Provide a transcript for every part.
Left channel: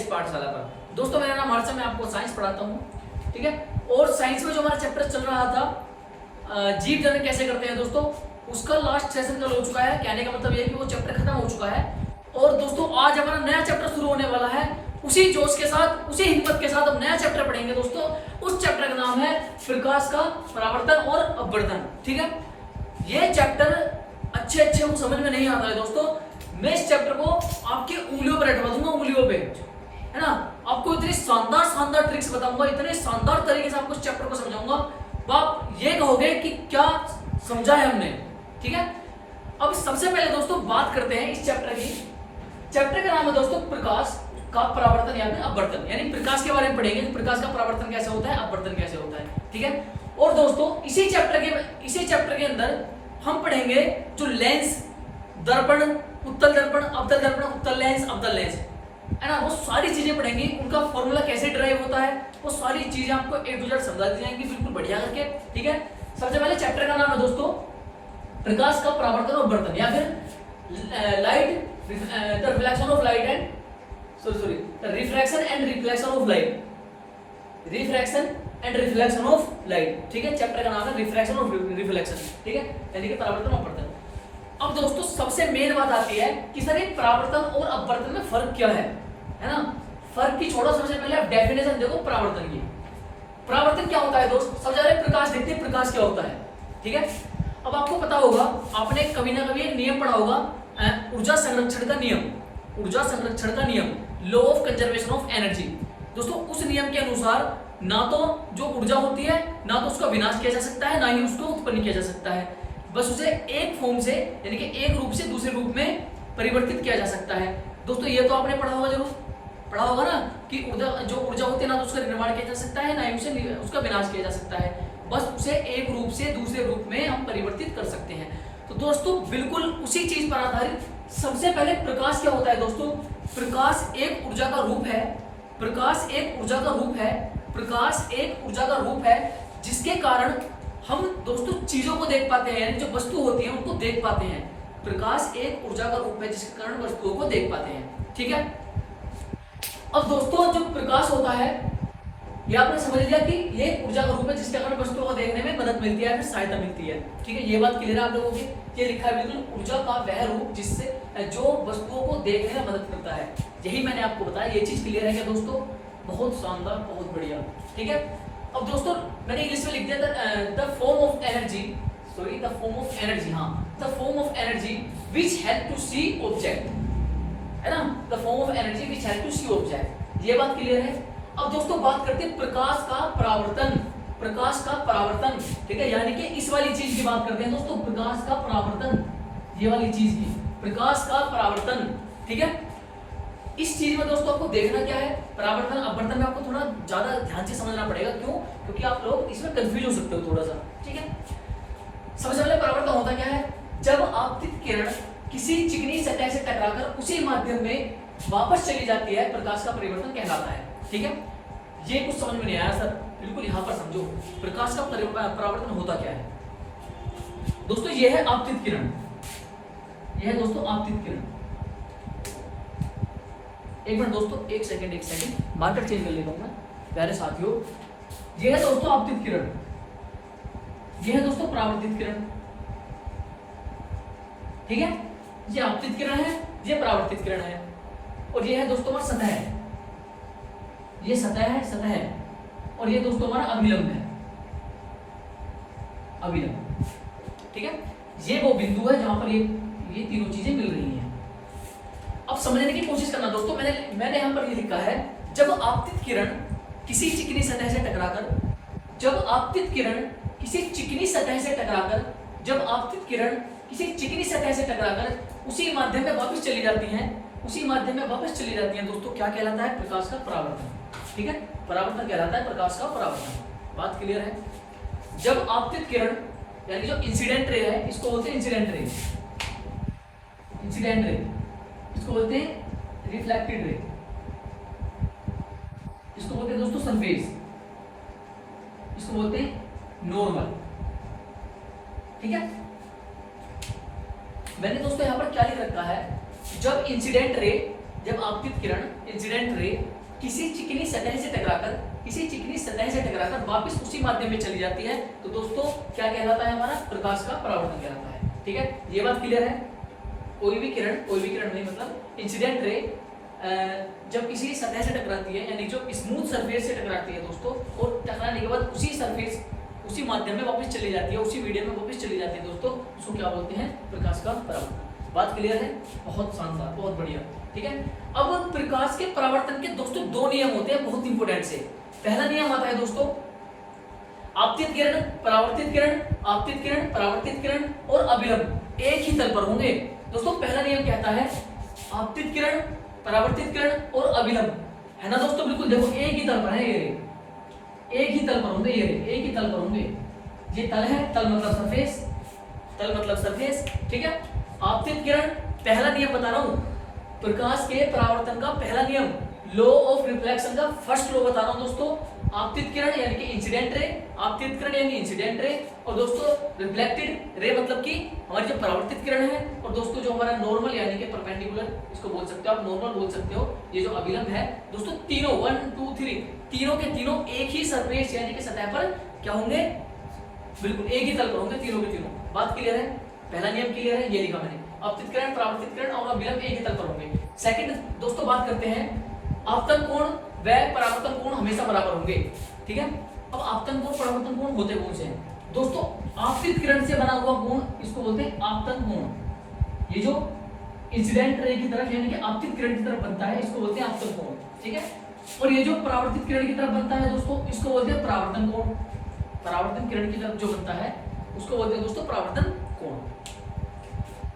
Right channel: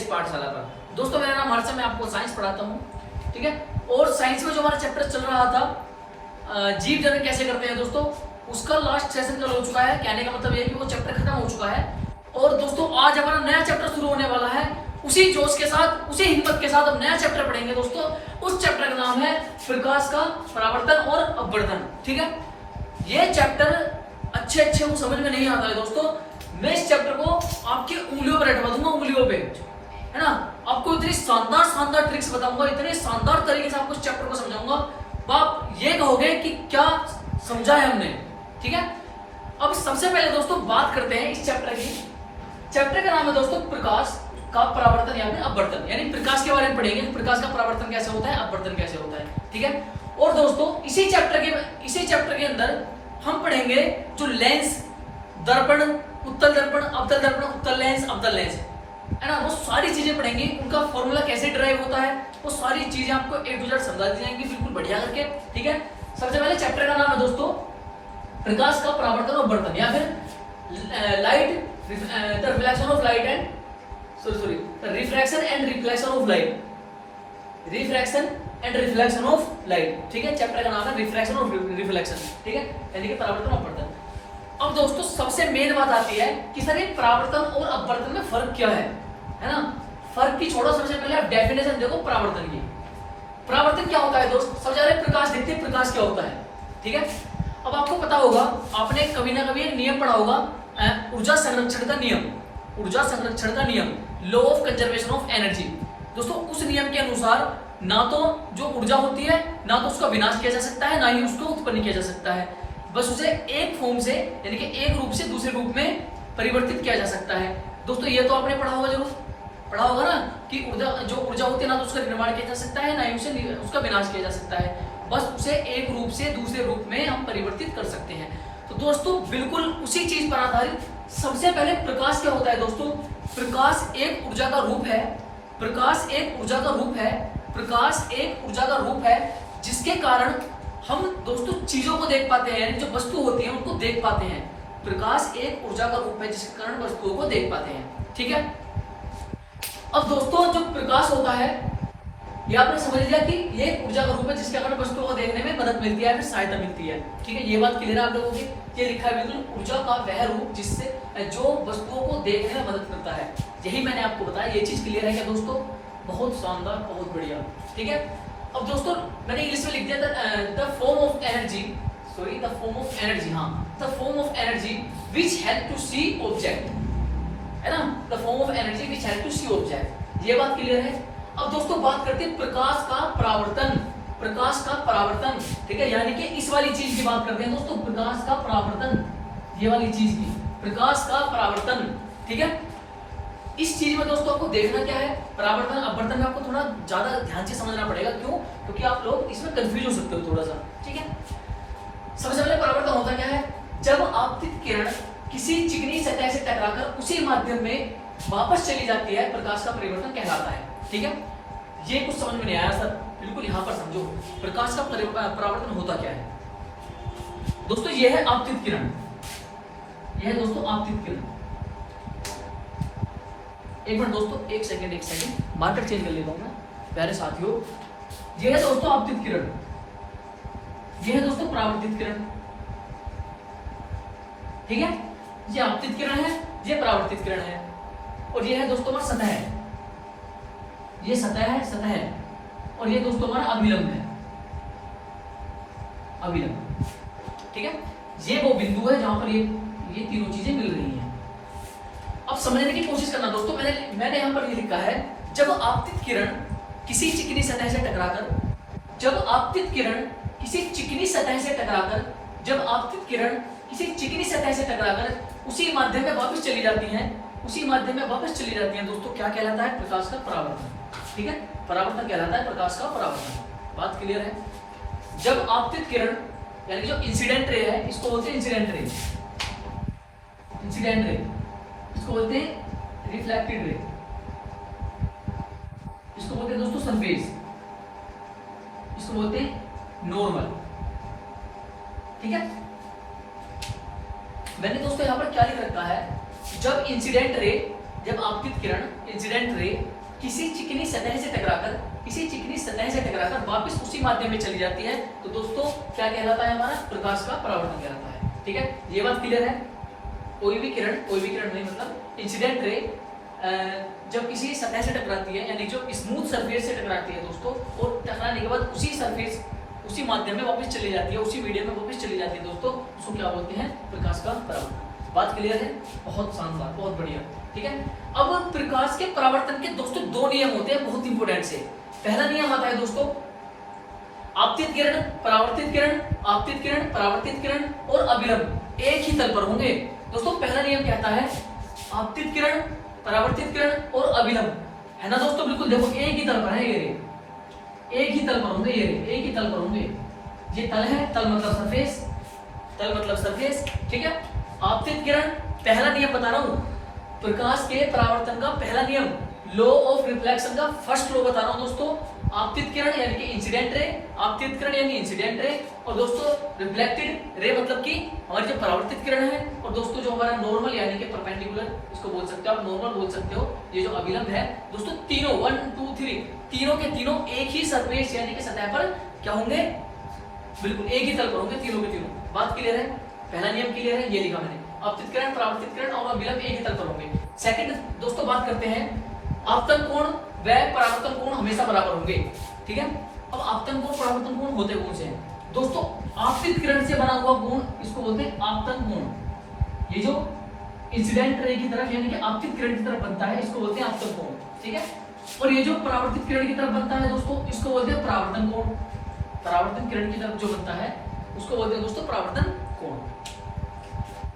इस पाठशाला पर। दोस्तों मेरा नाम हर्ष है, मैं आपको साइंस पढ़ाता हूँ, ठीक है। और साइंस में जो हमारा चैप्टर चल रहा था जीव जन्म कैसे करते हैं दोस्तों, उसका लास्ट सेशन कल हो चुका है। कहने का मतलब ये कि वो चैप्टर खत्म हो चुका है। और दोस्तों आज हमारा नया चैप्टर शुरू होने वाला है। उसी जोश के साथ, उसी हिम्मत के साथ हम नया चैप्टर पढ़ेंगे दोस्तों। उस चैप्टर का नाम है प्रकाश का परावर्तन और अपवर्तन, ठीक है। ये चैप्टर अच्छे को समझ में नहीं आता है दोस्तों। मैं इस चैप्टर को आपकी उंगलियों पर बैठवा दूंगा, उंगलियों पे, है ना। आपको इतनी शानदार ट्रिक्स बताऊंगा, इतने शानदार तरीके से आपको इस चैप्टर को समझाऊंगा, आप ये कहोगे कि क्या समझा है हमने, ठीक है। अब सबसे पहले दोस्तों बात करते हैं इस चैप्टर की। चैप्टर का नाम है दोस्तों प्रकाश का परावर्तन या फिर अपवर्तन, यानी प्रकाश के बारे में पढ़ेंगे। प्रकाश का परावर्तन कैसे होता है, अपवर्तन कैसे होता है, ठीक है। और दोस्तों इसी चैप्टर के अंदर हम पढ़ेंगे जो लेंस, दर्पण, उत्तल दर्पण, अवतल दर्पण, उत्तल लेंस, अवतल लेंस, है ना। वो सारी चीजें पढ़ेंगे, उनका फॉर्मूला कैसे ड्राइव होता है, वो सारी चीजें आपको A to Z समझा दी जाएंगी बिल्कुल बढ़िया करके, ठीक है। सबसे पहले चैप्टर का नाम है दोस्तों प्रकाश का परावर्तन और अपवर्तन या फिर light, the reflection of light and the refraction and reflection of light, refraction and reflection of light, ठीक है। चैप्टर का नाम है रिफ्रैक्शन और रिफ्लेक्शन, ठीक है, यानी कि परावर्तन और अपवर्तन। अब दोस्तों सबसे मेन बात आती है कि सर एक परावर्तन और अपवर्तन में फर्क क्या है ना। फर्क की छोड़ो, सबसे पहले आप डेफिनेशन देखो परावर्तन की। परावर्तन क्या होता है दोस्त, सबसे पहले प्रकाश देखते हैं प्रकाश क्या होता है, ठीक है। अब आपको पता होगा, आपने कभी ना कभी एक नियम पढ़ा होगा, ऊर्जा संरक्षण का नियम, ऊर्जा संरक्षण का नियम, law of conservation of energy. दोस्तों उस नियम के अनुसार ना तो जो ऊर्जा होती है ना तो उसका विनाश किया जा सकता है, ना ही उसको उत्पन्न किया जा सकता है, बस उसे एक फॉर्म से यानी कि एक रूप से दूसरे रूप में परिवर्तित किया जा सकता है। दोस्तों ये तो आपने पढ़ा होगा, जरूर पढ़ा होगा ना कि जो ऊर्जा होती है ना तो उसका निर्माण किया जा सकता है, ना ही उसे उसका विनाश किया जा सकता है, बस उसे एक रूप से दूसरे रूप में हम परिवर्तित कर सकते हैं। तो दोस्तों बिल्कुल उसी चीज पर आधारित सबसे पहले प्रकाश क्या होता है दोस्तों। प्रकाश एक ऊर्जा का रूप है, प्रकाश एक ऊर्जा का रूप है, प्रकाश एक ऊर्जा का रूप है जिसके कारण हम दोस्तों चीजों को देख पाते हैं, जो वस्तु होती है उनको देख पाते हैं। प्रकाश एक ऊर्जा का रूप है जिसके कारण वस्तुओं को देख पाते हैं, ठीक है। अब दोस्तों जो प्रकाश होता है ये आपने समझ लिया कि ये ऊर्जा का रूप है जिसके कारण वस्तुओं को देखने में मदद मिलती है, फिर सहायता मिलती है, ठीक है। ये बात क्लियर है आप लोगों की। ये लिखा है बिल्कुल ऊर्जा का वह रूप जिससे जो वस्तुओं को देखने में मदद करता है, यही मैंने आपको बताया। ये चीज क्लियर है क्या दोस्तों, बहुत शानदार, बहुत बढ़िया, ठीक है। अब दोस्तों मैंने इंग्लिश में लिख दिया the form of energy, sorry the form of energy, हाँ the form of energy which help to see object, है ना। The form of energy which help to see object, ये बात क्लियर है। अब दोस्तों बात करते हैं प्रकाश का परावर्तन, प्रकाश का परावर्तन, ठीक है, यानी कि इस वाली चीज की बात करते हैं दोस्तों, प्रकाश का परावर्तन, ये वाली चीज की, प्रकाश का परावर्तन, ठीक है। इस चीज में दोस्तों आपको देखना क्या है, परावर्तन अपवर्तन में आपको थोड़ा ज्यादा ध्यान से समझना पड़ेगा। क्यों, क्योंकि आप लोग इसमें कंफ्यूज हो सकते हो थोड़ा सा, ठीक है। सबसे पहले परावर्तन होता क्या है, जब आपतित किरण किसी चिकनी सतह से टकराकर उसी माध्यम में वापस चली जाती है, प्रकाश का परिवर्तन कहलाता है, ठीक है। ये कुछ समझ में नहीं आया सर, बिल्कुल यहाँ पर समझो प्रकाश का परावर्तन होता क्या है। दोस्तों ये है आपतित किरण, यह है दोस्तों आपतित किरण। एक मिनट दोस्तों, एक सेकंड मार्कर चेंज कर लेता हूं मैं, प्यारे साथियों। ये है दोस्तों आपतित किरण, ये है दोस्तों परावर्तित किरण, ठीक है। ये आपतित किरण है, ये परावर्तित किरण है, और ये है दोस्तों हमारा सतह है, ये सतह है, और ये दोस्तों हमारा अभिलंब है, अभिलंब, ठीक है। ये वो बिंदु है जहां पर ये तीनों चीजें मिल रही हैं। अब समझने की कोशिश करना दोस्तों, मैंने यहां पर ये लिखा है, जब आपतित किरण किसी चिकनी सतह से टकराकर, जब आपतित किरण किसी चिकनी सतह से टकराकर, जब आपतित किरण किसी चिकनी सतह से टकराकर उसी माध्यम में वापस चली जाती हैं, उसी माध्यम में वापस चली जाती हैं दोस्तों, क्या कहलाता है, प्रकाश का परावर्तन, ठीक है। परावर्तन कहलाता है प्रकाश का परावर्तन, बात क्लियर है। जब आपतित किरण यानी जो इंसिडेंट रे है, इसको बोलते हैं इंसिडेंट रे, इंसिडेंट रे, इसको बोलते हैं रिफ्लेक्टेड रे, इसको बोलते हैं दोस्तों सरफेस, इसको बोलते हैं नॉर्मल, ठीक है। मैंने दोस्तों यहां पर क्या लिख रखा है, जब इंसिडेंट रे, जब आपतित किरण इंसिडेंट रे किसी चिकनी सतह से टकराकर वापस उसी माध्यम में चली जाती है तो दोस्तों क्या कहलाता है, हमारा प्रकाश का परावर्तन कहलाता है। ठीक है, ये बात क्लियर है। कोई भी किरण नहीं, मतलब इंसिडेंट रे जब किसी सतह से टकराती है, यानी जो स्मूथ सरफेस से टकराती है दोस्तों, और टकराने के बाद उसी माध्यम में वापस चली जाती है, उसी मीडियम में वापस चली जाती है दोस्तों, उसको क्या बोलते हैं, प्रकाश का परावर्तन। बात क्लियर है, बहुत शानदार, बहुत बढ़िया। ठीक है, अब प्रकाश के परावर्तन के दोस्तों दो नियम होते हैं बहुत इंपॉर्टेंट से। पहला नियम आता है दोस्तों आपतित किरण, परावर्तित किरण, आपतित किरण, परावर्तित किरण और अविलंब एक ही तल पर होंगे। दोस्तों पहला नियम कहता है आपतित किरण, परावर्तित किरण और अविलंब, है ना दोस्तों, बिल्कुल देखो एक ही तल पर है, ये एक ही तल पर होंगे, ये एक ही तल पर होंगे। ये तल है, तल मतलब सरफेस। ठीक है, आपतित किरण, पहला नियम बता रहा हूं, प्रकाश के परावर्तन का पहला नियम, लॉ ऑफ रिफ्लेक्शन का फर्स्ट लॉ बता रहा हूं दोस्तों। आपतित किरण यानी कि इंसिडेंट रे, और दोस्तों रिफ्लेक्टेड रे मतलब कि हमारी जो परावर्तित किरण है, और दोस्तों जो हमारा नॉर्मल यानी कि परपेंडिकुलर, इसको बोल सकते हो आप, नॉर्मल बोल सकते हो। ये जो अविलंब है दोस्तों, तीनों 1 2 3 तीनों के तीनों एक ही सरफेस यानी कि सतह पर क्या होंगे, बिल्कुल एक ही तल पर होंगे, तीनों के तीनों। बात क्लियर है, पहला नियम क्लियर है, ये लिखा मैंने, आपतित किरण, परावर्तित किरण और अविलंब एक ही तल पर होंगे। सेकंड दोस्तों बात करते हैं आपतन कोण व परावर्तन कोण हमेशा बराबर होंगे। ठीक है, अब आपतन कोण, परावर्तन कोण होते कौन से हैं दोस्तों, आपतित किरण से बना हुआ कोण इसको बोलते हैं आपतन कोण। ये जो इंसिडेंट रे की तरफ यानी कि आपतित किरण की तरफ बनता है, इसको बोलते हैं आपतन कोण। ठीक है, और ये जो परावर्तित किरण की तरफ बनता है दोस्तों, इसको बोलते हैं परावर्तन कोण। परावर्तन किरण की तरफ जो बनता है उसको बोलते हैं दोस्तों परावर्तन कोण।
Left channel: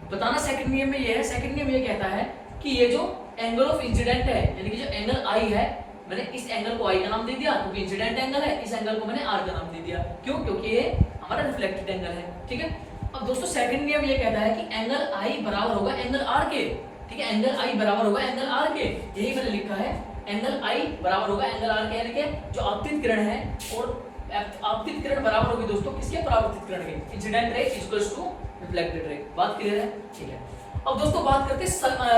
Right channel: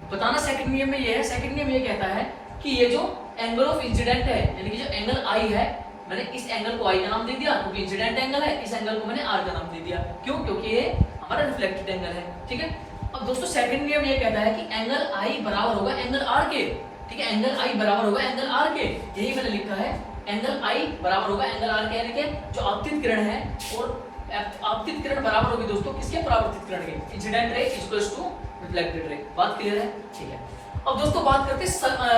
बताना सेकंड नियम में ये है, सेकंड नियम ये कहता है कि ये जो एंगल ऑफ इंसिडेंट है, यानी कि जो एंगल आई है, मैंने इस एंगल को आई का नाम दे दिया क्योंकि इंसिडेंट एंगल है, इस एंगल को मैंने आर का नाम दे दिया, क्यों, क्योंकि ये हमारा रिफ्लेक्टेड एंगल है। ठीक है, अब दोस्तों सेकंड नियम ये कहता है कि एंगल आई बराबर होगा एंगल आर के। ठीक है, एंगल आई बराबर होगा एंगल आर के, यही मैंने लिखा है, एंगल आई बराबर होगा एंगल आर के, यानी कि जो आपतित किरण है और आपतित किरण बराबर होगी दोस्तों किसके, परावर्तित किरण के। Incident ray equals to reflected ray. बात क्लियर है, ठीक है। अब दोस्तों बात करते हैं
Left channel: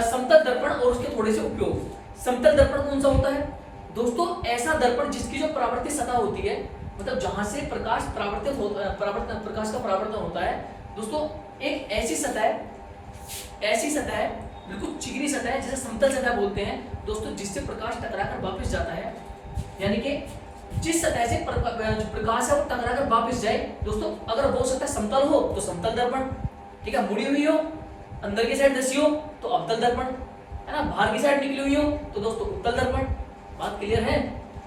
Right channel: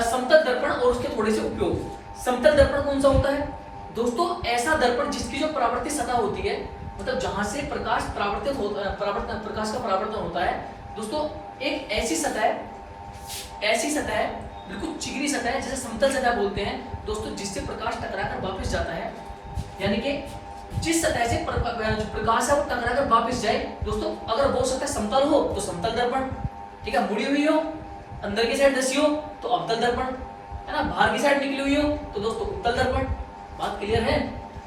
समतल दर्पण और उसके थोड़े से उपयोग। समतल दर्पण कौन सा होता है दोस्तों, ऐसा दर्पण जिसकी जो परावर्तित सतह होती है, मतलब जहां से प्रकाश प्रकाश का परावर्तन होता है दोस्तों, एक ऐसी सतह बिल्कुल चिकनी सतह है, जैसे समतल सतह बोलते हैं दोस्तों, जिससे प्रकाश टकराकर वापस जाता है, यानी कि जिस सतह से प्रकाश है टकराकर वापस जाए दोस्तों, अगर वो सतह समतल हो तो समतल दर्पण, ठीक है, मुड़ी हुई हो, अंदर की साइड धसी हो तो अवतल दर्पण, है ना, बाहर की साइड निकली हुई हो तो दोस्तों उत्तल दर्पण। बात क्लियर है,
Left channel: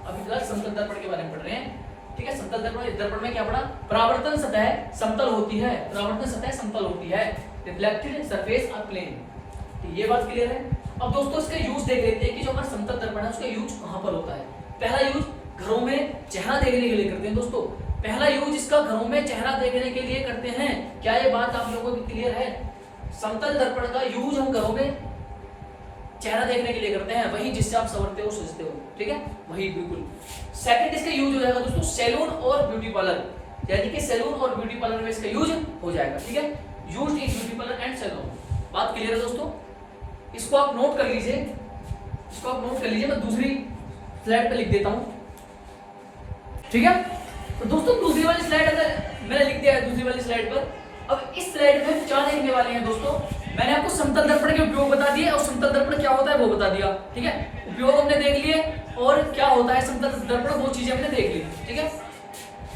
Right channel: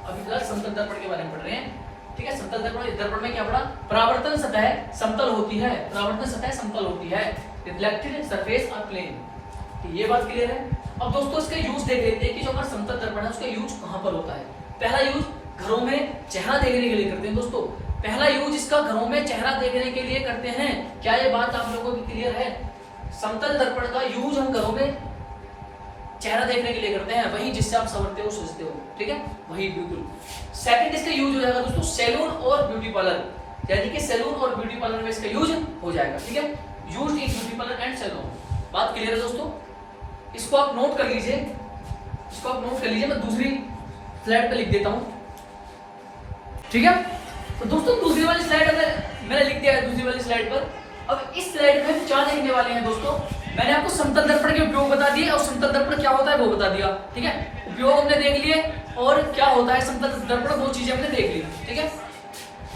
अभी फिलहाल समतल दर्पण के बारे में पढ़ रहे हैं। ठीक है, समतल दर्पण में क्या पढ़ा, परावर्तन सतह समतल होती है, परावर्तन सतह समतल होती है, रिफ्लेक्टेड सरफेस और प्लेन, ये बात क्लियर है। अब दोस्तों इसका यूज देख लेते हैं कि जो हमारा समतल दर्पण है उसका यूज कहां पर होता है। पहला यूज घरों में चेहरा देखने के लिए करते हैं दोस्तों, पहला यूज इसका घरों में चेहरा देखने के लिए करते हैं। क्या ये बात आप लोगों को क्लियर है? समतल दर्पण का यूज हम घरों में चेहरा देखने के लिए करते हैं, वही जिससे आप समझते हो सोचते हो, ठीक है, वही बिल्कुल। सेकंड इसका यूज हो जाएगा दोस्तों सैलून और ब्यूटी पार्लर, यानी कि सैलून और ब्यूटी पार्लर में इसका यूज हो जाएगा। ठीक है, use in beauty parlour and salon. बात क्लियर है दोस्तों, इसको आप नोट कर लीजिए, मैं दूसरी स्लाइड पे लिख देता हूं, ठीक है। तो दोस्तों दूसरी वाली स्लाइड अगर मैंने लिख दिया है दूसरी वाली स्लाइड पर, अब इस स्लाइड में क्या देखने वाले हैं दोस्तों, मैंने आपको समतल दर्पण के उपयोग बता दिए और समतल दर्पण क्या होता है वो बता दिया, ठीक है, उपयोग हमने देख लिए और क्या होता है समतल दर्पण, दो चीजें हमने देख ली, ठीक है।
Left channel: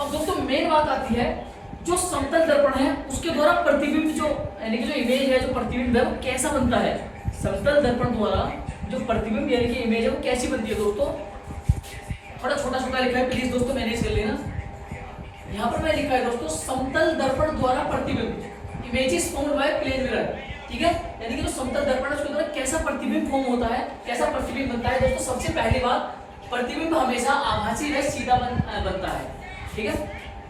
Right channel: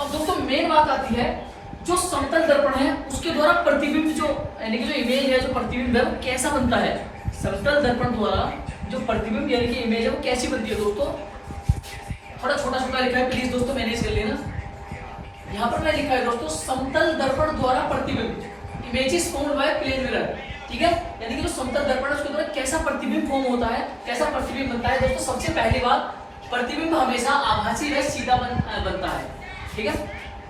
अब दोस्तों मेन बात आती है, जो समतल दर्पण है उसके द्वारा प्रतिबिंब जो यानी कि जो इमेज है, जो प्रतिबिंब है कैसा बनता है, समतल दर्पण द्वारा जो प्रतिबिंब यानी कि इमेज है वो कैसी बनती है दोस्तों। थोड़ा छोटा लिखा है प्लीज दोस्तों, मैनेज कर लेना। यहाँ पर मैं लिखा है दोस्तों समतल दर्पण द्वारा प्रतिबिंब, images formed by plane mirror, ठीक है, यानी कि जो समतल दर्पण है उसके द्वारा कैसा प्रतिबिंब फॉर्म होता है, कैसा प्रतिबिंब बनता है दोस्तों। सबसे पहली बात, प्रतिबिंब हमेशा आभासी व सीधा बनता है, ठीक है।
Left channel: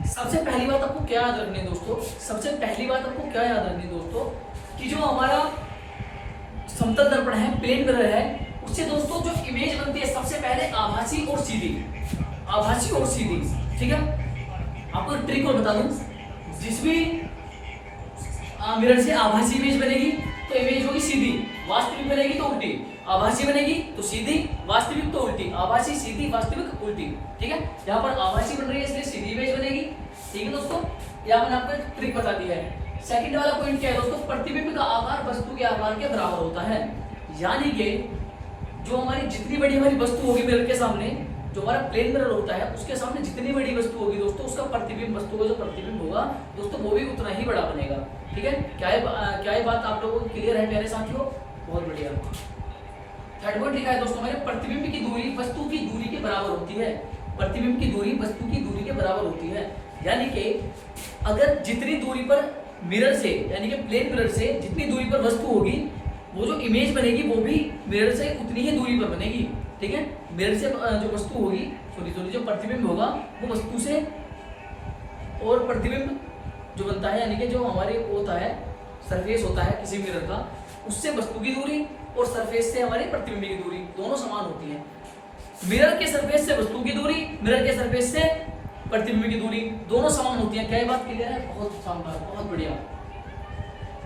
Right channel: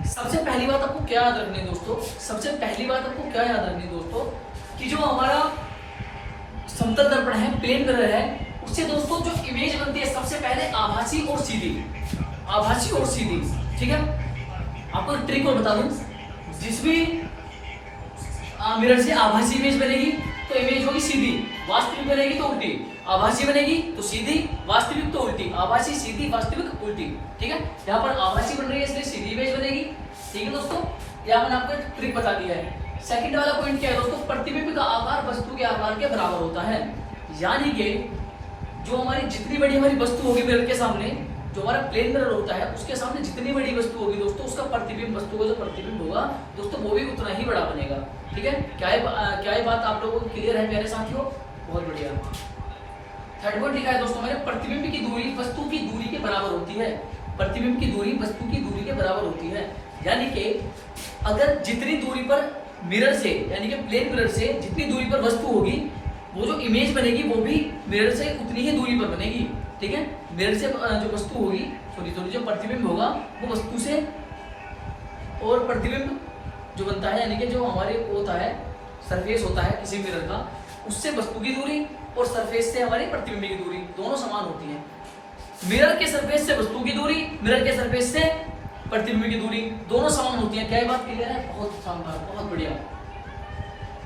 सबसे पहली बात आपको क्या याद रखनी है दोस्तों, कि जो हमारा समतल दर्पण है, प्लेन मिरर है, उससे दोस्तों जो इमेज बनती है सबसे पहले आभासी और सीधी, ठीक है। आपको ट्रिक और बता दूं, जिसमें मिरर से आभासी इमेज बनेगी तो इमेज होगी सीधी, वास्तविक बनेगी तो उल्टी। आभासी बनेगी तो सीधी, वास्तविक तो उल्टी, आभासी सीधी वास्तविक उल्टी। ठीक है, यहाँ पर आभासी बन रही है इसलिए सीधी इमेज बनेगी। ठीक है दोस्तों, यहाँ मैंने आपको एक ट्रिक बता दिया है। सेकंड वाला पॉइंट क्या है दोस्तों, प्रतिबिंब का आकार वस्तु के आकार के बराबर होता है। यानी कि जो हमारी जितनी बड़ी हमारी वस्तु होगी मिरर के सामने, जो हमारा प्लेन मिरर होता है उसके सामने जितनी बड़ी वस्तु होगी दोस्तों, उसका प्रतिबिंब, वस्तु का जो प्रतिबिंब होगा दोस्तों वो भी उतना ही बड़ा बनेगा। ठीक है, क्या ये बात आप लोगों को क्लियर है प्यारे साथियों? बहुत बढ़िया। थर्ड पॉइंट लिखा है दोस्तों मैंने, प्रतिबिंब की दूरी वस्तु की दूरी के बराबर होती है। प्रतिबिंब की दूरी वस्तु की दूरी के बराबर होती है। यानी कि अगर जितनी दूरी पर मिरर से, यानी कि प्लेन मिरर से जितनी दूरी पर वस्तु होगी, वो जो इमेज बनेगी वो भी मिरर से उतनी ही दूरी पर बनेगी। ठीक है, मिरर से जो वस्तु होगी, सॉरी जो प्रतिबिंब होगा वो वस्तु से, और प्रतिबिंब जो बनता है यानी कि जो हमारे होता है सरफेस होता है किसी मिरर का, उससे वस्तु की दूरी और सरफेस से हमारी प्रतिबिंब की दूरी दोनों समान होती है। मिरर के सरफेस से वस्तु की दूरी, मिरर के सरफेस से प्रतिबिंब की दूरी दोनों समान होती है। क्या ये बात क्लियर है? बहुत शानदार, बहुत बढ़िया।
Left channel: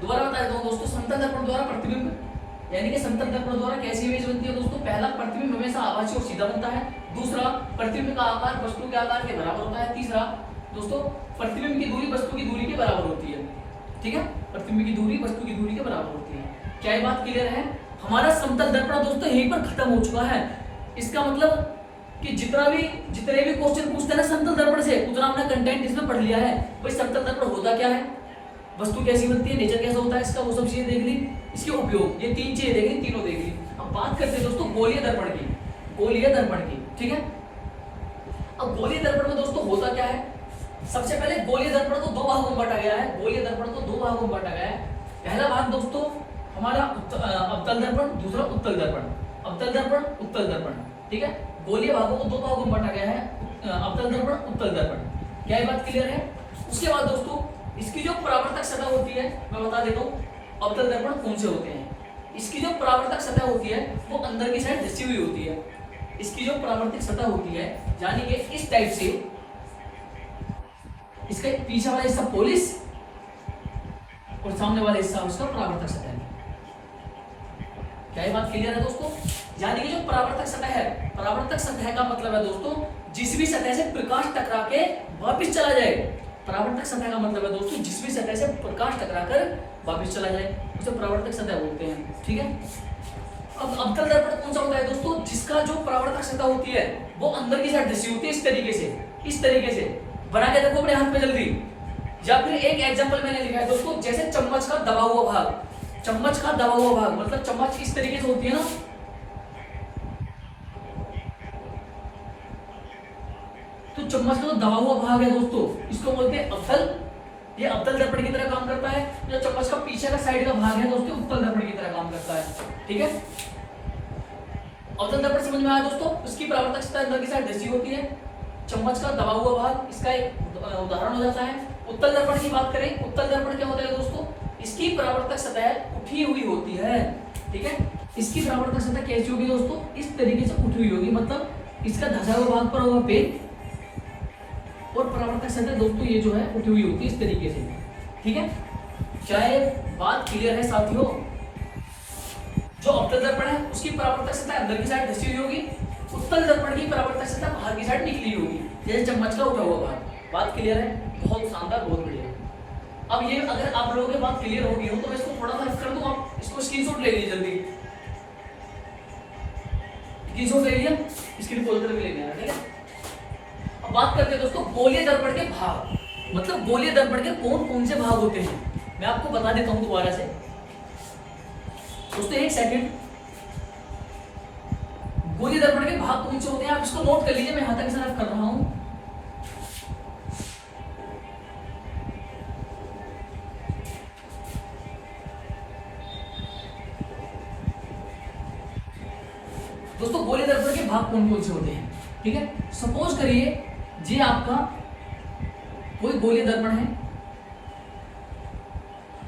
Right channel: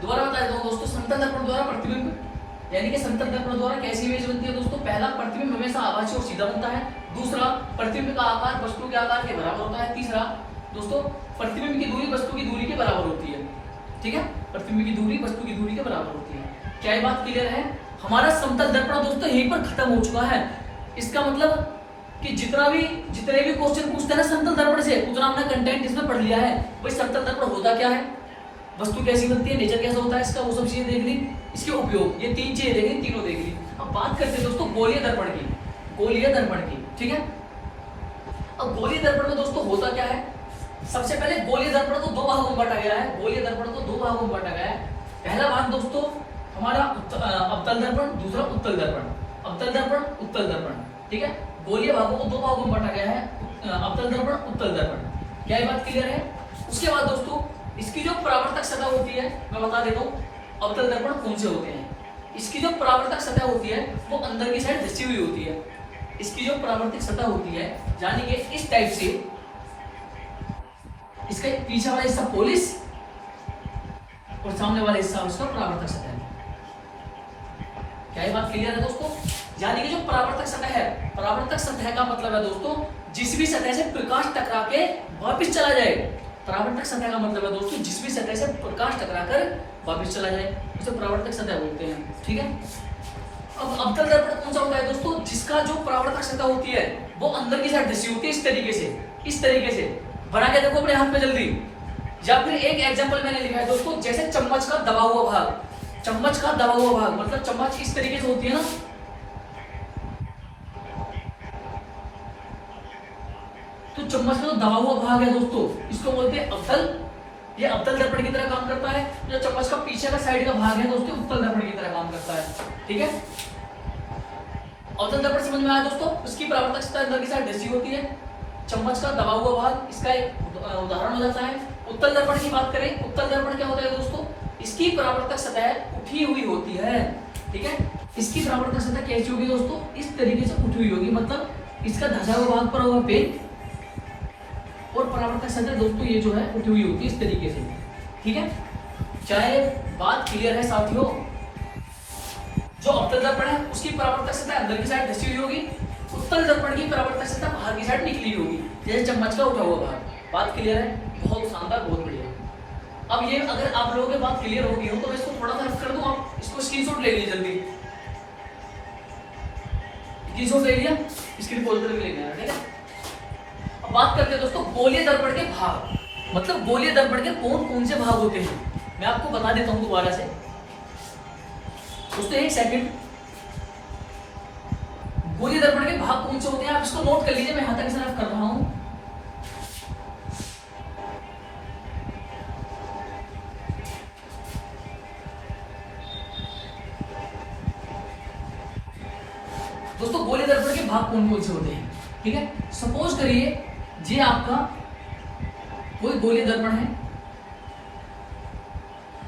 दोबारा बता देता हूं दोस्तों, समतल दर्पण द्वारा प्रतिबिंब, यानी कि समतल दर्पण द्वारा कैसी इमेज बनती है दोस्तों? पहला, प्रतिबिंब हमेशा आभासी और सीधा बनता है। दूसरा, प्रतिबिंब का आकार वस्तु के आकार के बराबर होता है। तीसरा दोस्तों, प्रतिबिंब की दूरी वस्तु की दूरी के बराबर होती है। ठीक है, प्रतिबिंब की दूरी वस्तु की दूरी के बराबर होती है। क्या ये बात क्लियर है? हमारा समतल दर्पण दोस्तों यहीं पर खत्म हो चुका है। इसका मतलब कि जितने भी क्वेश्चन पूछते हैं समतल दर्पण से, उतना हमने कंटेंट इसमें पढ़ लिया है। भाई समतल दर्पण होता क्या है, वस्तु कैसी बनती है, नेचर कैसा होता है इसका, वो सब चीजें देख ली, इसके उपयोग, ये तीन चीजें देख ली, तीनों देख ली। अब बात करते हैं दोस्तों गोलीय दर्पण की, गोलीय दर्पण की। ठीक है, अब गोलीय दर्पण में दोस्तों होता क्या है? सबसे पहले गोलीय दर्पण को दो भागों में बांटा गया है। गोलीय दर्पण को दो भागों में बांटा गया है। पहला भाग दोस्तों हमारा अवतल दर्पण, दूसरा उत्तल दर्पण। अवतल दर्पण, उत्तल दर्पण। ठीक है, गोलीय भागों को दो भागों में बांटा गया है, अवतल दर्पण, उत्तल दर्पण। क्या ये बात क्लियर है? उसके बाद दोस्तों इसकी जो परावर्तक सतह होती है, मैं बता देता हूँ अवतल दर्पण कौन से होते हैं। इसकी जो परावर्तक सतह होती है वो अंदर की साइड धसी हुई होती है। इसकी जो परावर्तक सतह होती है, यानी कि इस टाइप से, इसका पीछे वाला हिस्सा पोलिस और सामने वाला हिस्सा उसका परावर्तक सतह है। क्या ये बात क्लियर है दोस्तों? यानी कि जो परावर्तक सतह है, परावर्तक सतह का मतलब है दोस्तों जिस भी सतह से प्रकाश टकरा के वापस चला जाए। परावर्तक सतह का मतलब है दोस्तों जिस भी सतह से प्रकाश टकराकर वापस चला जाए, उसे परावर्तक सतह बोलते हैं। ठीक है, अब अवतल दर्पण कौन सा होता है दोस्तों? जिसका जो परावर्तक सतह होती है वो अंदर की साइड धसी होती है, इस तरीके से, इस तरीके से। बना के देखो अपने हाथ में जल्दी। या फिर एक एग्जांपल मैंने लिखा है दोस्तों, जैसे चम्मच का दबा हुआ भाग, चम्मच का दबा हुआ भाग मतलब चम्मच इस तरीके से होती है ना, तो चम्मच का जो दबा हुआ भाग है दोस्तों इसको बोलते हैं अवतल। ये अवतल दर्पण की तरह काम करता है। जो चम्मच का पीछे का साइड का भाग है दोस्तों उत्तल दर्पण की तरह काम करता है। ठीक है, अवतल दर्पण समझ में आया दोस्तों? इसकी परावर्तक सतह अंदर की साइड धसी होती है, चम्मच का दबा हुआ भाग इसका एक उदाहरण हो जाता है। उत्तल दर्पण की बात करें, उत्तल दर्पण क्या होता है दोस्तों? इसकी परावर्तक सतह उठी हुई होती है। ठीक है, इसकी परावर्तक सतह कैसी होगी दोस्तों? इस तरीके से उठी हुई होगी, मतलब इसका धसा हुआ भाग पर होगा पेन, और परावर्तक सतह दोस्तों ये जो है उठी हुई होती है इस तरीके से। ठीक है, चाहे बात क्लियर है साथियों? जो अवतल दर्पण है उसकी परावर्तक सतह अंदर की साइड धसी हुई होगी, उत्तल दर्पण की परावर्तक सतह बाहर की साइड निकली होगी, जैसे चम्मच का उठा हुआ भाग। बात क्लियर है? बहुत शानदार, बहुत बढ़िया। अब ये अगर आप लोगों की बात क्लियर होगी हो तो मैं इसको थोड़ा सा कर दूं, आप इसको स्क्रीनशॉट ले लीजिए जल्दी। स्क्रीनशॉट ले लिया, स्क्रीन खोल कर ले लेना। ठीक है, अब बात करते हैं दोस्तों गोलीय दर्पण के भाग, मतलब गोलीय दर्पण के कौन कौन से भाग होते हैं। मैं आपको बता देता हूं दोबारा से दोस्तों, एक सेकंड। गोलीय दर्पण के भाग कौन से होते हैं आप इसको नोट कर लीजिए, मैं यहां तक सिर्फ कर रहा हूं। दोस्तों गोलीय दर्पण के भाग कौन कौन से होते हैं? ठीक है, सपोज करिए ये आपका कोई गोलीय दर्पण है।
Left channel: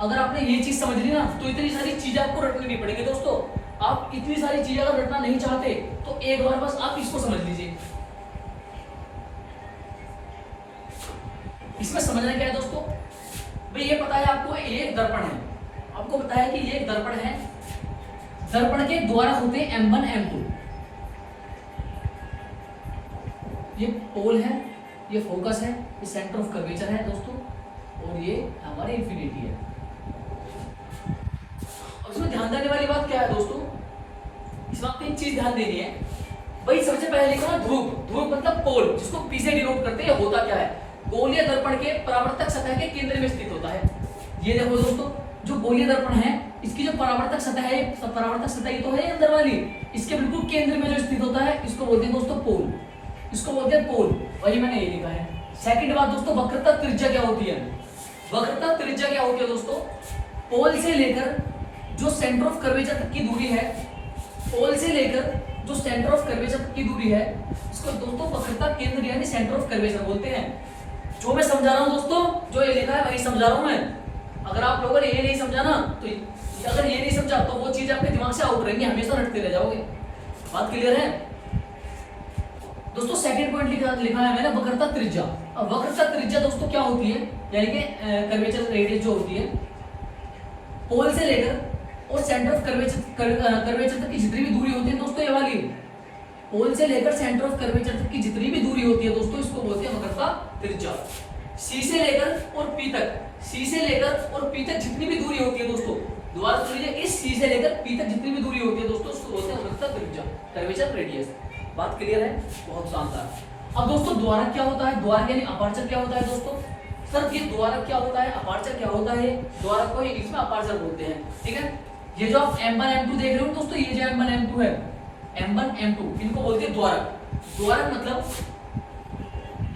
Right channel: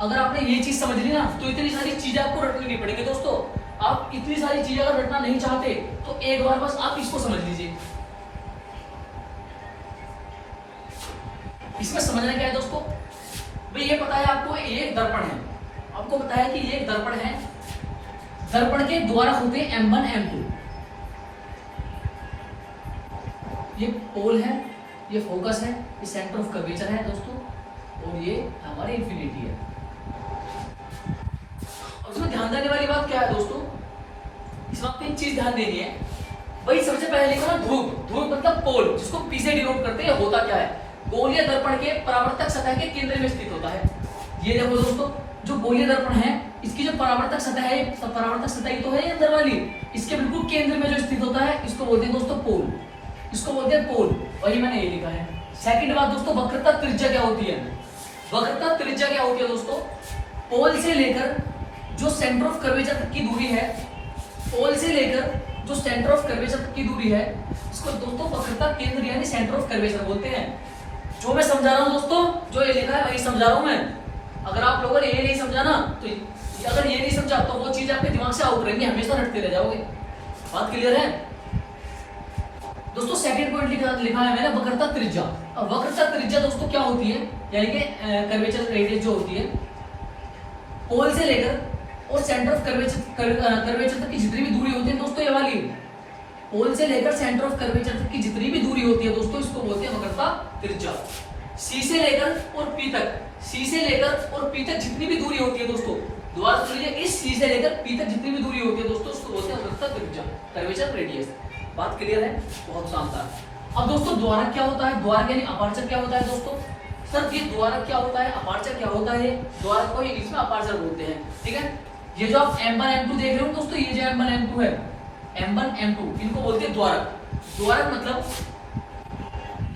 अगर आपने ये चीज समझ ली ना तो इतनी सारी चीजें आपको रटनी नहीं पड़ेगी दोस्तों। आप इतनी सारी चीजें अगर रटना नहीं चाहते तो एक बार बस आप इसको समझ लीजिए। इसमें समझना क्या है दोस्तों? भाई ये पता है आपको ये एक दर्पण है, आपको पता है कि ये एक दर्पण है दर्पण के द्वारा होते हैं M1 M2। ये पोल है, ये फोकस है, ये सेंटर ऑफ कर्वेचर है दोस्तों, और ये हमारे इंफिनिटी है। और इसमें ध्यान देने वाली बात क्या है दोस्तों, इसमें आपको एक चीज ध्यान देनी है भाई। सबसे पहले लिखा ना ध्रुव, ध्रुव मतलब पोल, जिसको पी से डिनोट करते हैं। होता क्या है, गोलीय दर्पण के परावर्तक सतह के केंद्र में स्थित होता है। ये देखो दोस्तों, जो गोलीय दर्पण है इसकी जो परावर्तक सतह है, परावर्तक सतह ये तो है अंदर वाली, इसके बिल्कुल केंद्र में जो स्थित होता है इसको बोलते हैं दोस्तों पोल, इसको बोलते हैं पोल। वही मैंने ये लिखा है। सेकंड बात दोस्तों, वक्रता त्रिज्या क्या होती है? वक्रता त्रिज्या क्या होती है दोस्तों? पोल से लेकर जो सेंटर ऑफ कर्वेचर तक की दूरी है, पोल से लेकर जो सेंटर ऑफ कर्वेचर तक की दूरी है, इसको दोस्तों वक्रता केंद्र यानी सेंटर ऑफ कर्वेचर बोलते हैं। जो मैं समझा रहा हूं दोस्तों, जो ये लिखा है वही समझा रहा हूं मैं। अगर आप लोगों ने ये नहीं समझा ना, तो अगर ये नहीं समझा तो वो चीज आपके दिमाग से आउट रहेंगी, हमेशा रटते रह जाओगे। बात क्लियर है दोस्तों? सेकंड पॉइंट लिखा है मैंने वक्रता त्रिज्या। और वक्रता त्रिज्या दोस्तों क्या होती है, यानी कि कर्वेचर रेडियस जो होती है, पोल से लेकर और सेंटर ऑफ कर्वेचर तक की जितनी भी दूरी होती है दोस्तों, ये वाली पोल से लेकर सेंटर ऑफ कर्वेचर तक की जितनी भी दूरी होती है दोस्तों, इसको बोलते हैं वक्रता त्रिज्या। सी से लेकर और पी तक, सी से लेकर और पी तक जितनी भी दूरी होती है दोस्तों, दोबारा सुन लीजिए, इस सी से लेकर पी तक जितनी भी दूरी होती है दोस्तों, उसको बोलते हैं वक्रता त्रिज्या, कर्वेचर रेडियस। बात क्लियर है? बहुत शानदार। अब दोस्तों द्वारक क्या होता है? द्वारक यानी अपर्चर क्या होता है दोस्तों? सर ये द्वारक क्या होता है, अपर्चर क्या होता है? द्वारक को इंग्लिश में अपर्चर बोलते हैं, ठीक है। ये जो आप M1 M2 देख रहे हो दोस्तों, ये जो M1 M2 है, M1 M2 इनको बोलते हैं द्वारक। द्वारक मतलब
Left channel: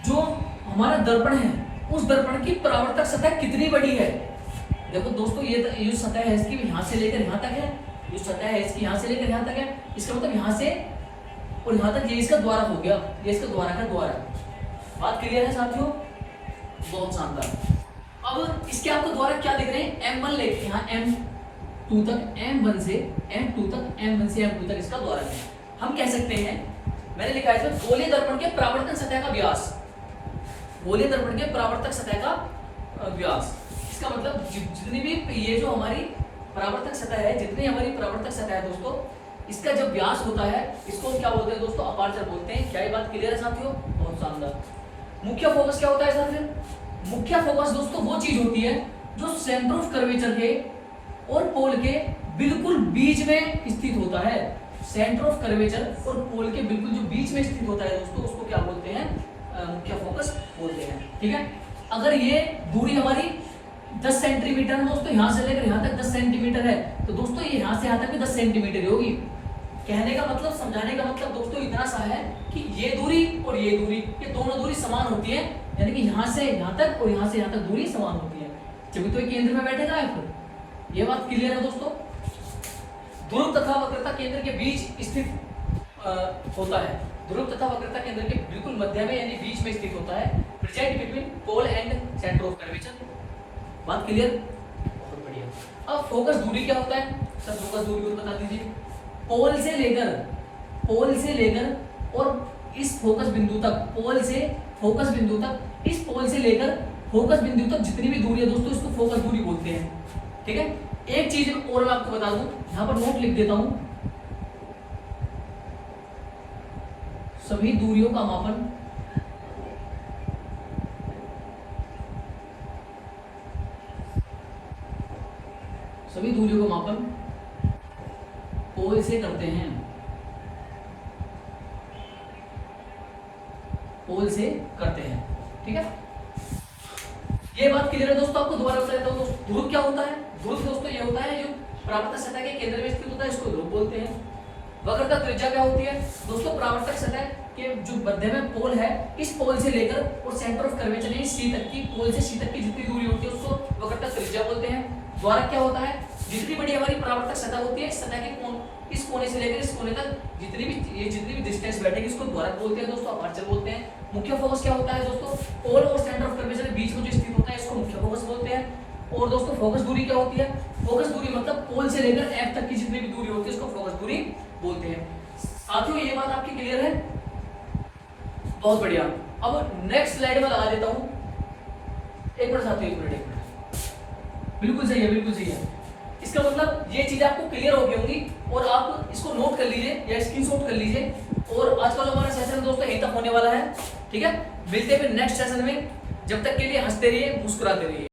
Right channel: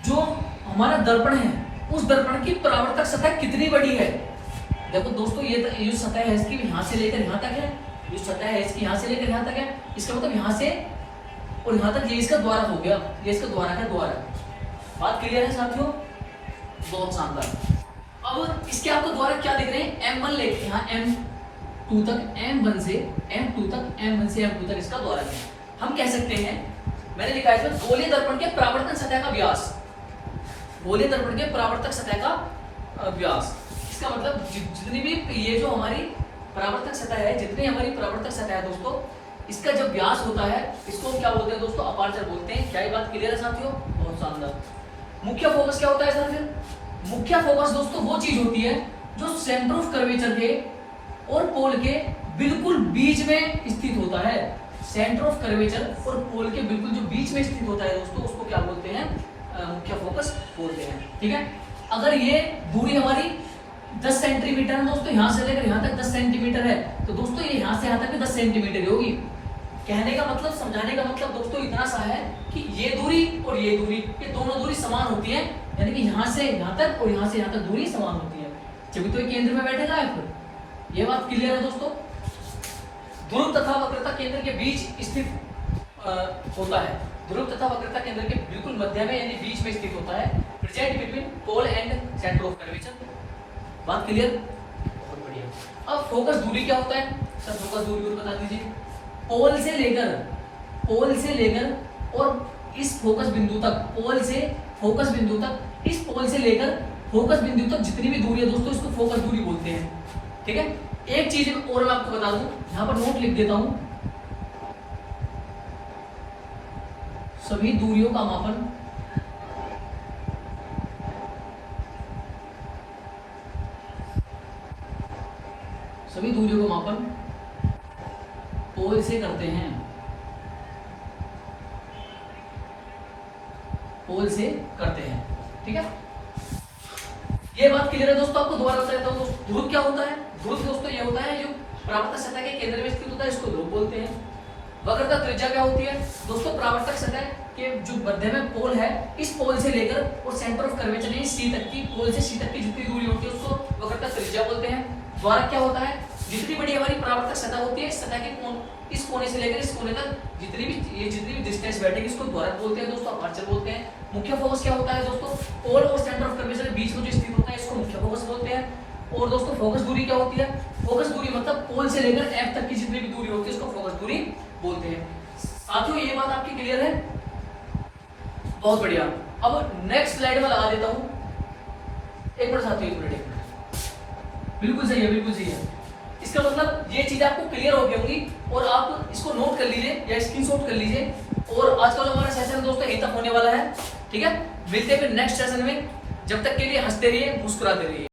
जो हमारा दर्पण है, उस दर्पण की परावर्तक सतह कितनी बड़ी है। देखो दोस्तों, ये जो सतह है इसकी यहाँ से लेकर यहाँ तक है, जो सतह है इसकी यहाँ से लेकर यहाँ तक है, इसका मतलब यहाँ से और यहाँ तक ये इसका द्वारक हो गया, ये इसका द्वारक है, द्वारक। बात क्लियर है साथियों? बहुत शानदार। अब इसके आपको द्वारक क्या दिख रहे हैं? M1 लेके यहाँ M2 तक, M1 से M2 तक, M1 से M2 तक इसका द्वारक है। हम कह सकते हैं, मैंने लिखा है इसमें गोलीय दर्पण के परावर्तन सतह का व्यास, गोलीय दर्पण के परावर्तक सतह का व्यास। इसका मतलब जितनी भी ये जो हमारी परावर्तक सतह है, जितनी हमारी परावर्तक सतह है दोस्तों, इसका जो व्यास होता है इसको क्या बोलते हैं दोस्तों? अपर्चर बोलते हैं। क्या ये बात क्लियर है साथियों? बहुत शानदार। मुख्य फोकस क्या होता है सर? फिर मुख्य फोकस दोस्तों वो चीज होती है जो सेंटर ऑफ कर्वेचर के और पोल के बिल्कुल बीच में स्थित होता है। सेंटर ऑफ कर्वेचर और पोल के बिल्कुल जो बीच में स्थित होता है दोस्तों, उसको क्या बोलते हैं? मुख्य फोकस बोलते हैं, ठीक है। अगर ये दूरी हमारी 10 सेंटीमीटर है दोस्तों, यहाँ से लेकर यहाँ तक 10 सेंटीमीटर है, तो दोस्तों ये यहाँ से यहाँ तक भी 10 सेंटीमीटर होगी। कहने का मतलब, समझाने का मतलब दोस्तों इतना सा है कि ये दूरी और ये दूरी, ये दोनों दूरी समान होती है, यानी कि यहाँ से यहाँ तक और यहाँ से यहाँ तक दूरी समान होती है, जब तो ये केंद्र में बैठेगा है। फिर ये बात क्लियर है दोस्तों? ध्रुव तथा वक्रता केंद्र के बीच स्थित होता है। ध्रुव तथा वक्रता केंद्र के बिल्कुल मध्य में यानी बीच में स्थित होता है, present between pole and centre of curvature. बात क्लियर? बहुत बढ़िया। अब फोकस दूरी क्या होता है सर? फोकस दूरी को बता दीजिए। पोल से लेकर और इस फोकस बिंदु तक, पोल से फोकस बिंदु तक, इस पोल से लेकर फोकस बिंदु तक जितनी भी दूरी है दोस्तों, इसको फोकस दूरी बोलते हैं, ठीक है। एक चीज और मैं आपको बता दूं, यहां पर नोट लिख देता हूं, सभी दूरियों का मापन पोल से करते हैं, पोल से करते हैं, ठीक है। ये बात क्लियर है दोस्तों? आपको दोबारा बता देता हूं। ध्रुव क्या होता है? ध्रुव दोस्तों ये होता है जो परावर्तक सतह के केंद्र में स्थित होता है, इसको ध्रुव बोलते हैं। वक्रता त्रिज्या क्या होती है दोस्तों? परावर्तक सतह के जो मध्य में पोल है, इस पोल से लेकर और सेंटर ऑफ कर्वेचर यानी सी तक की, पोल से सी तक की जितनी दूरी होती है उसको वक्रता त्रिज्या बोलते हैं। द्वारक क्या होता है? जितनी बड़ी हमारी परावर्तक सतह होती है, सतह के इस कोने से लेकर इस कोने तक जितनी भी डिस्टेंस बैठेगी, इसको द्वारक बोलते हैं दोस्तों, अपर्चर बोलते हैं। मुख्य फोकस क्या होता है दोस्तों? पोल और सेंटर ऑफ कर्वेचर के बीच में जो स्थित होता है, इसको मुख्य फोकस बोलते हैं। और दोस्तों फोकस दूरी क्या होती है? फोकस दूरी मतलब पोल से लेकर एफ तक की जितनी भी दूरी होती है, इसको फोकस दूरी बोलते हैं। साथियों ये बात आपकी क्लियर है? बहुत बढ़िया। अब नेक्स्ट स्लाइड में लगा देता हूं, एक मिनट साथियों, एक मिनट। बिल्कुल सही है, बिल्कुल सही है। इसका मतलब ये चीजें आपको क्लियर हो गई होंगी और आप इसको नोट कर लीजिए या स्क्रीनशॉट कर लीजिए। और आज का जो हमारा सेशन दोस्तों यहीं तक होने वाला है, ठीक है। मिलते हैं फिर नेक्स्ट सेशन में, जब तक के लिए हंसते रहिए, मुस्कुराते रहिए।